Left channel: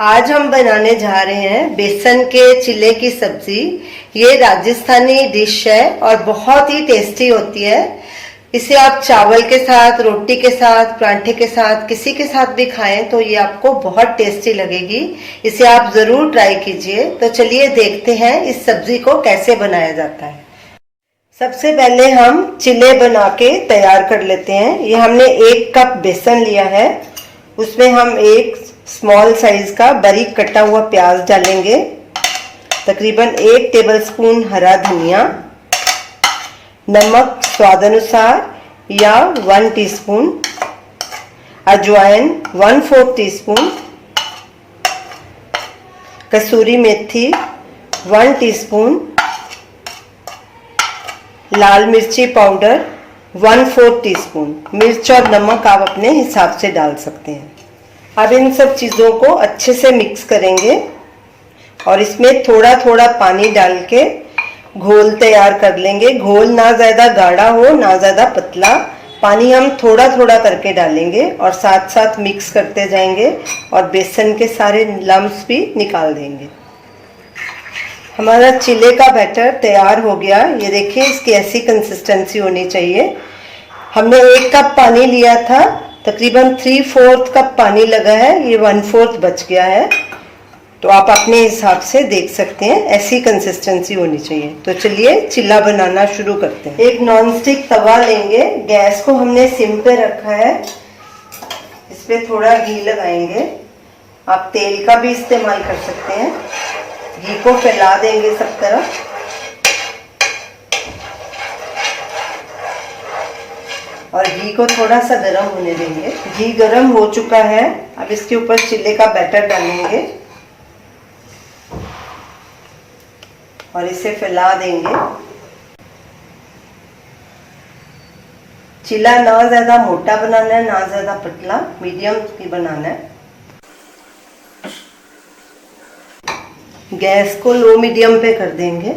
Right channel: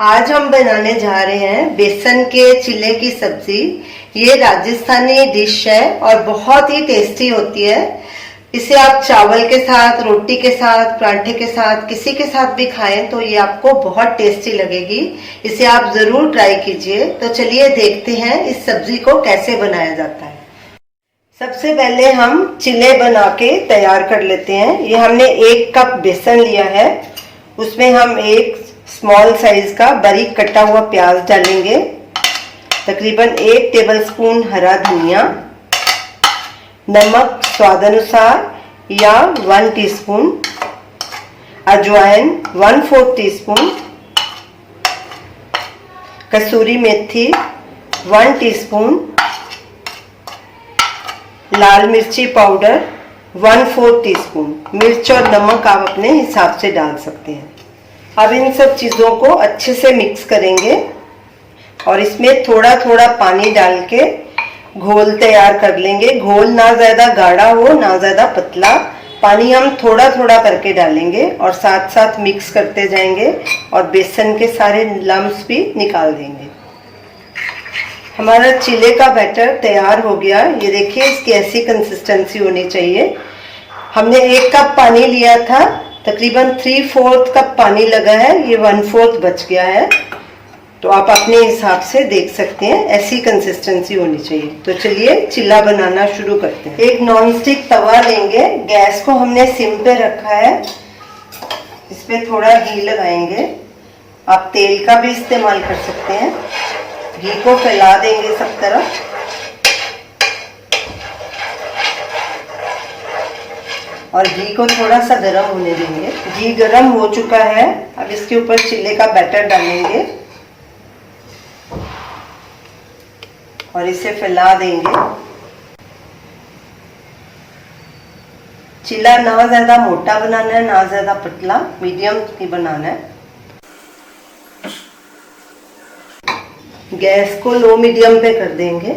आज हम बनाने जा रहे हैं बेसन के चिल्ले की सब्जी। ये राजस्थानी डिश है और बहुत ही टेस्टी होती है। इसे आप चावल के साथ, रोटी के साथ, पराठे के साथ, किसी के साथ भी खाएं तो ये आपको बहुत टेस्टी लगेगी। इसे आप जरूर ट्राई कीजिए। तो चलिए देखते हैं इस सब्जी को कैसे बनाया जाता है। सबसे पहले हम चिल्ले बना के तैयार कर लेते हैं। ये हमने 1 कप बेसन लिया है, उसमें हम एक स्मॉल साइज का बारीक कटा हुआ प्याज डालेंगे, तकरीबन 1 टेबलस्पून हरा धनिया, नमक स्वाद अनुसार या 1 टीस्पून, अजवाइन 1/4 टीस्पून, कसूरी मेथी 1 टीस्पून, लाल मिर्ची पाउडर 1/4 टीस्पून। मिर्च और नमक आप अपने हिसाब से डाल सकते हैं। अब इन सब चीज़ों को अच्छे से मिक्स करेंगे और इसमें थोड़ा थोड़ा पानी डाल के घोल तैयार कर लेंगे। घोल ना ज़्यादा गाढ़ा हो ना ज़्यादा पतला, पानी हम थोड़ा थोड़ा करके डालेंगे और साथ साथ मिक्स करते जाएंगे और बेसन के सारे लम्स भी निकाल देंगे। हमारा चिल्ले का बैटर तैयार हो गया। ये देखिए, इसकी ऐसी कंसिस्टेंसी होनी चाहिए। हमने 1 कप पानी लिया था, तकरीबन 3/4 कप पानी लगा है, ये 1/4 बच गया है। तो आप अपने हिसाब से देख सकते हैं, ऐसी कंसिस्टेंसी होनी चाहिए। तो चलिए चिल्ला बनाना शुरू करते हैं। एक नॉनस्टिक तवा लेंगे, गैस को हमने सिम पे रखा है, इस पे थोड़ा घी लगाएंगे। आप तेल का भी इस्तेमाल कर सकते हैं। घी को फैला देंगे सब तरफ और घी को थोड़ा सा गर्म होने देंगे। घी गर्म हो चुका है, अब इसके ऊपर चिल्ले का बैटर डालेंगे और इसे फैला देंगे। चिल्ला ना ज्यादा मोटा बनाना है ना ज्यादा पतला, मीडियम ही बनाना है। गैस को लो मीडियम पे कर देंगे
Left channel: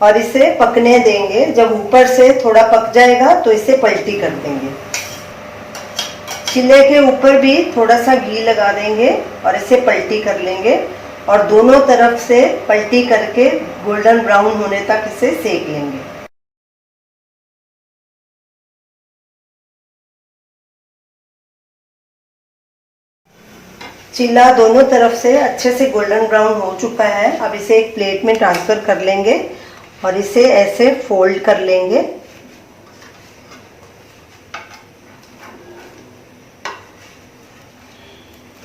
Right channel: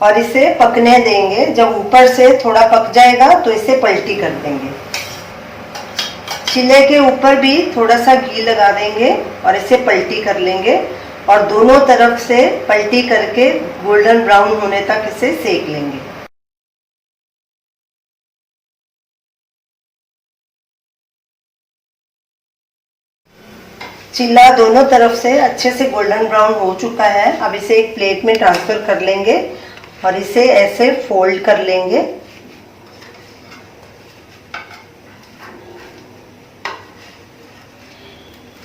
और इसे पकने देंगे। जब ऊपर से थोड़ा पक जाएगा तो इसे पलटी कर देंगे। चिल्ले के ऊपर भी थोड़ा सा घी लगा देंगे और इसे पलटी कर लेंगे और दोनों तरफ से पलटी करके गोल्डन ब्राउन होने तक इसे सेक लेंगे। चिल्ला दोनों तरफ से अच्छे से गोल्डन ब्राउन हो चुका है। अब इसे एक प्लेट में ट्रांसफर कर लेंगे और इसे ऐसे फोल्ड कर लेंगे।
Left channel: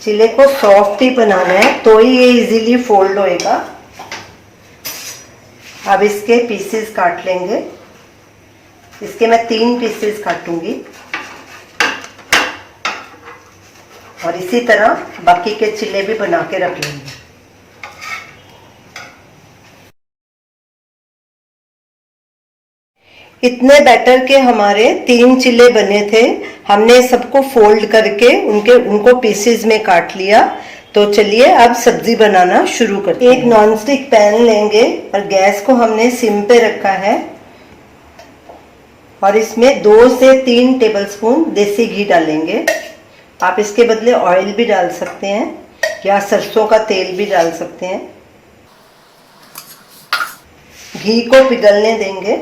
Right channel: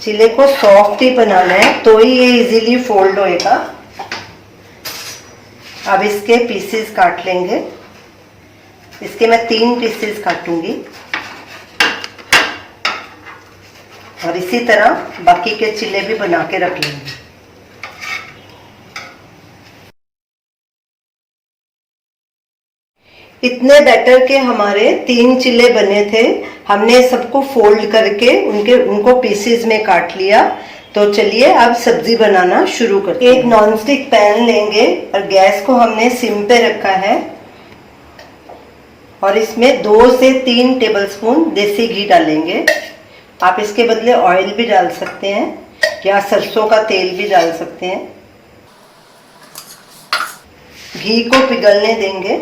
चिल्ले को सॉफ्ट ही बनाना है तो ही ये इजीली फोल्ड होएगा। अब इसके पीसेस काट लेंगे। इसके मैं 3 पीसेस काटूंगी और इसी तरह बाकी के चिल्ले भी बना के रख लेंगे। इतने बैटर के हमारे 3 चिल्ले बने थे। हमने सबको फोल्ड करके उनको पीसेस में काट लिया। तो चलिए अब सब्जी बनाना शुरू करते हैं। एक नॉनस्टिक पैन लेंगे और गैस को हमने सिम पे रखा है और इसमें 2 से 3 टेबलस्पून देसी घी डालेंगे। आप इसके बदले ऑयल भी डाल सकते हैं या सरसों का तेल भी डाल सकते हैं। घी को पिघलने देंगे।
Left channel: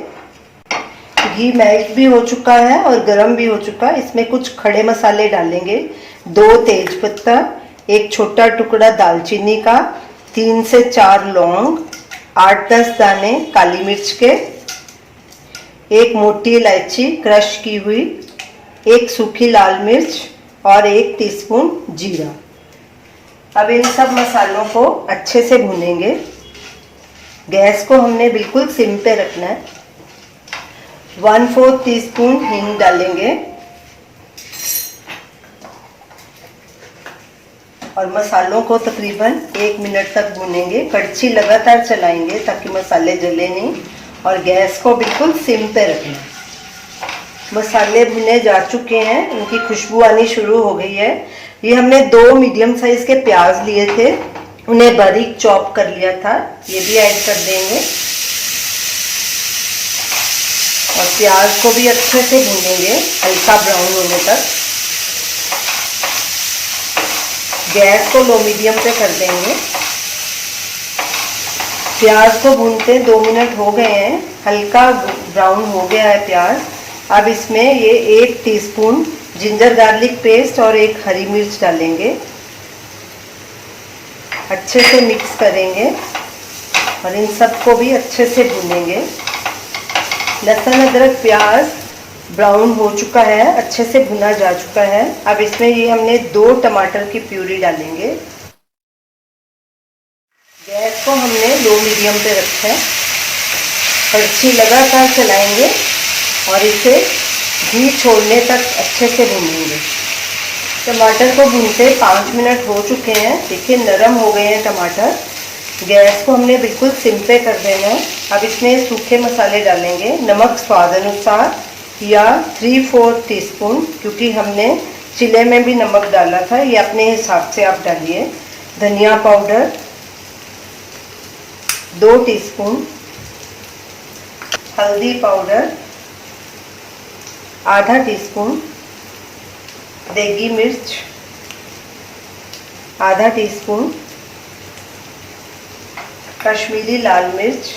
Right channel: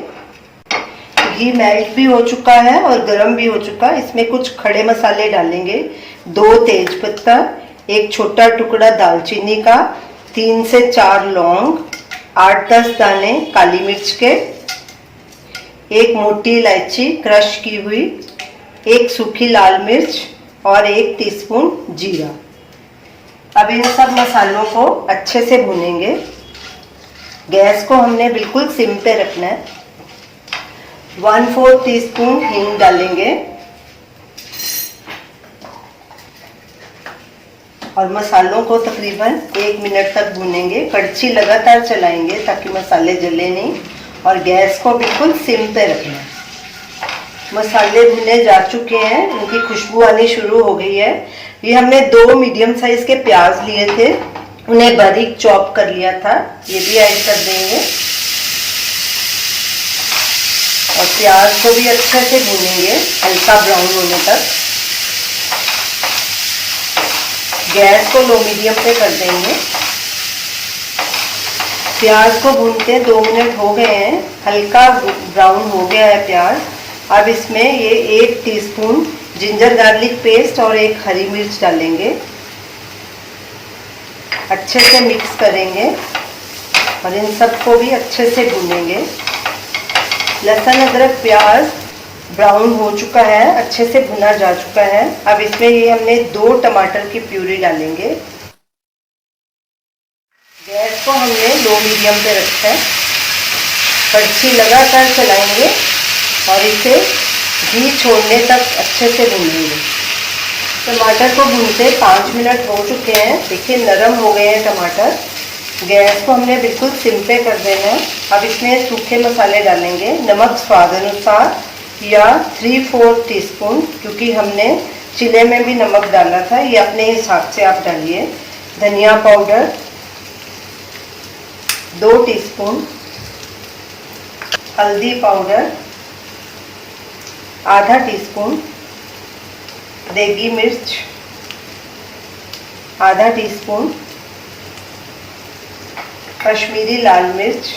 घी मेल्ट भी हो चुका है और गरम भी हो चुका है। इसमें कुछ खड़े मसाले डालेंगे। 2 तेजपत्ता, 1 छोटा टुकड़ा दालचीनी का, 3 से 4 लौंग, 8-10 दाने काली मिर्च के, 1 मोटी इलायची क्रश की हुई, 1 सूखी लाल मिर्च और 1 टीस्पून जीरा। अब इन सब मसालों को अच्छे से भूनेंगे। गैस को हमने बिल्कुल सिम पे रखना है। 1/4 टीस्पून हींग डालेंगे और मसालों को तकरीबन 1 मिनट तक भूनेंगे। कड़छी लगातार चलाएंगे ताकि मसाले जले नहीं और गैस को बिल्कुल सिम पे रखना है। मसाले भुने जा चुके हैं, उनकी खुशबू आनी शुरू हो गई है। ये हमने 2 मीडियम साइज के प्याज लिए थे, उन्हें बारीक चॉप कर लिया था, ये भी ऐड कर देंगे और प्याज को भी अच्छे से भूनेंगे हल्का ब्राउन होने तक। गैस को लो मीडियम पे कर देंगे। प्याज को भूनते 2 मिनट हो गए हैं, हल्का ब्राउन हो गया है प्याज। अब इसमें ये 1 टीस्पून जिंजर गार्लिक पेस्ट और 1 हरी मिर्च डालेंगे। अच्छे से मिक्स करेंगे और इन सबको भी अच्छे से भूनेंगे। लहसुन अदरक प्याज ब्राउन हो चुका है, अच्छे से भुना जा चुका है। अब इसमें ये हमने 2 टमाटर की प्यूरी डालेंगे। गैस को हमने लो मीडियम पे रखा है। कड़छी लगातार चलाएंगे और इसे घी छोड़ने तक अच्छे से भूनेंगे। टमाटर को भूनते 5 मिनट हो चुके हैं। देखिए नरम हो गए हैं टमाटर। गैस को हमने बिल्कुल सिम पे कर देना है। अब इसमें सूखे मसाले डालेंगे। नमक स्वाद अनुसार या 3/4 टीस्पून, क्योंकि हमने चिले में भी नमक डाला था, ये अपने हिसाब से आप डालिए। धनिया पाउडर 2 टीस्पून, हल्दी पाउडर आधा टीस्पून, देगी मिर्च आधा टीस्पून, कश्मीरी लाल मिर्च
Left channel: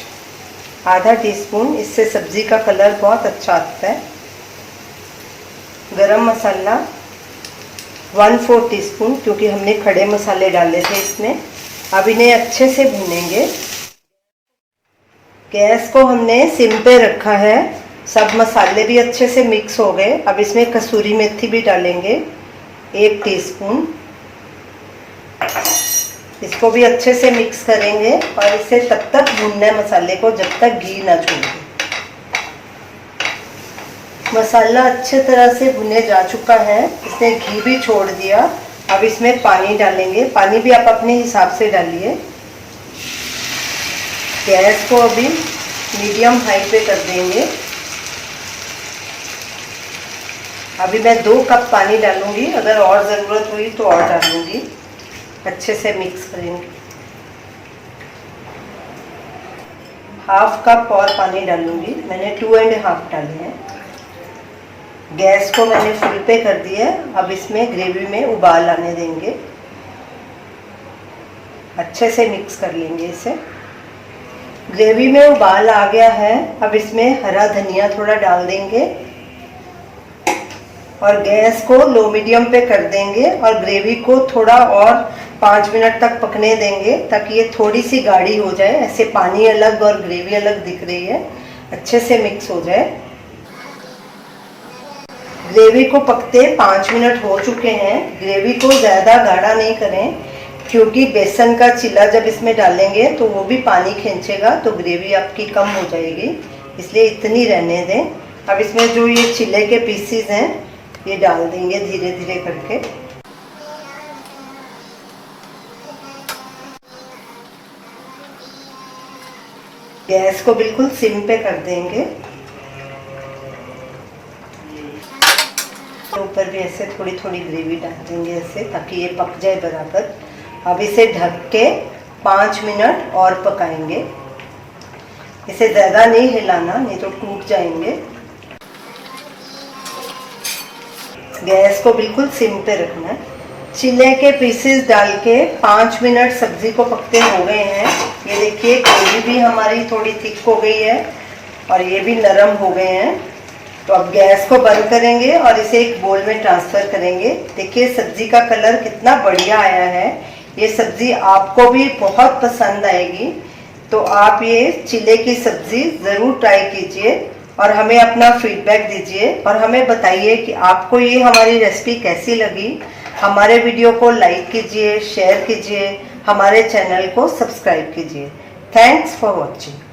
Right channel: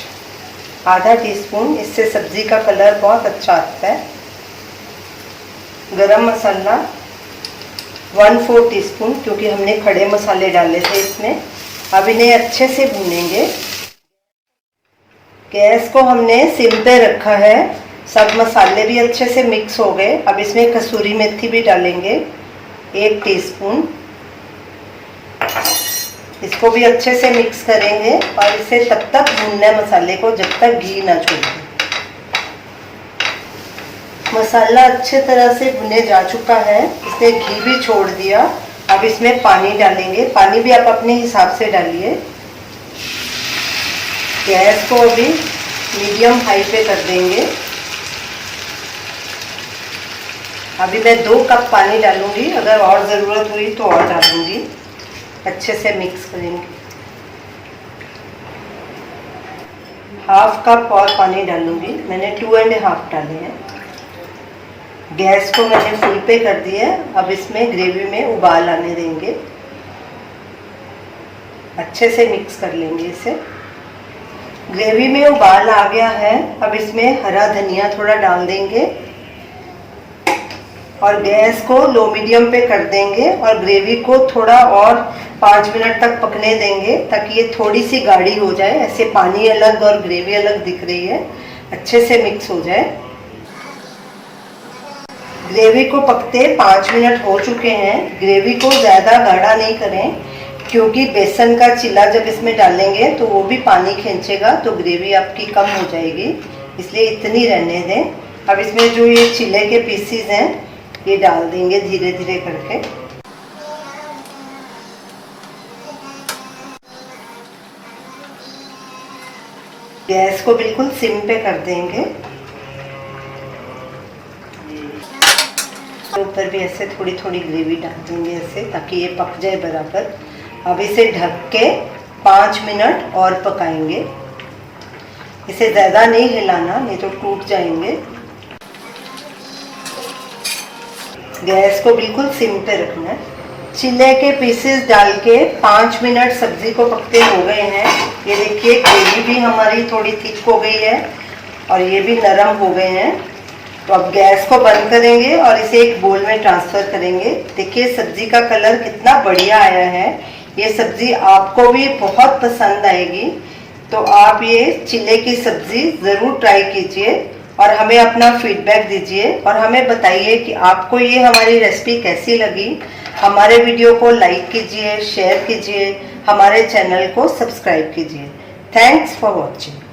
आधा टीस्पून, इससे सब्जी का कलर बहुत अच्छा आता है। गरम मसाला 1/4 टीस्पून, क्योंकि हमने खड़े मसाले डाले थे इसमें। अब इन्हें अच्छे से भूनेंगे। गैस को हमने सिम पे रखा है। सब मसाले भी अच्छे से मिक्स हो गए। अब इसमें कसूरी मेथी भी डालेंगे 1 टीस्पून। इसको भी अच्छे से मिक्स करेंगे और इसे तब तक भूनना है मसाले को जब तक घी ना छोड़े। मसाला अच्छे तरह से भुने जा चुका है, इसने घी भी छोड़ दिया। अब इसमें पानी डालेंगे। पानी भी आप अपने हिसाब से डालिए। गैस को अभी मीडियम हाई पे कर देंगे। अभी मैं 2 कप पानी डालूंगी, अगर और ज़रूरत हुई तो और डालूंगी। अच्छे से मिक्स करेंगे। 1/2 कप और पानी डालूंगी। मैंने 2.5 डाले हैं। गैस को मैंने फुल पे कर दिया है। अब इसमें ग्रेवी में उबाल आने देंगे। अच्छे से मिक्स कर लेंगे इसे। ग्रेवी में उबाल आ गया है। अब इसमें हरा धनिया थोड़ा डाल देंगे और गैस को लो मीडियम पे कर देंगे और ग्रेवी को थोड़ा और 5 मिनट तक पकने देंगे, ताकि ये थोड़ी सी गाढ़ी हो जाए। ऐसे पानी अलग और ग्रेवी अलग दिख रही है, अच्छे से मिक्स हो जाए। ग्रेवी को पकते 5 मिनट हो चुके हैं। ग्रेवी को ज़्यादा गाढ़ा नहीं करें, क्योंकि बेसन का चिला जब इसमें डालेंगे तो वो भी पानी खींचेगा, तो ग्रेवी आपकी कम हो जाएगी, इसलिए इतनी रहने दें। अब इसमें जो ये चिले के पीसीज हैं ये डाल देंगे धीरे धीरे करके। गैस को बिल्कुल सिम पे कर देंगे। ऊपर भी ऐसे थोड़ी थोड़ी ग्रेवी डाल देंगे ऐसे, ताकि ये पक जाए बराबर। अब इसे ढक के 5 मिनट और पकाएंगे। इसे ज़्यादा नहीं हिलाना, नहीं तो टूट जाएंगे। गैस को बिल्कुल सिम पे रखना है। चिले के पीसेस डाल के 5 मिनट सब्जी को पकते हो गए हैं। ये देखिए ग्रेवी भी हमारी थोड़ी थिक हो गई है और ये भी नरम हो गए हैं। तो अब गैस को बंद करेंगे और इसे एक बोल में ट्रांसफर करेंगे। देखिए सब्जी का कलर कितना बढ़िया आया है। ये सब्जी आपको भी बहुत पसंद आएगी, तो आप ये चिले की सब्जी ज़रूर ट्राई कीजिए और हमें अपना फीडबैक दीजिए और हमें बताइए कि आपको ये हमारी रेसिपी कैसी लगी। हमारे वीडियो को लाइक कीजिए, शेयर कीजिए, हमारे चैनल को सब्सक्राइब कीजिए। Thanks for watching.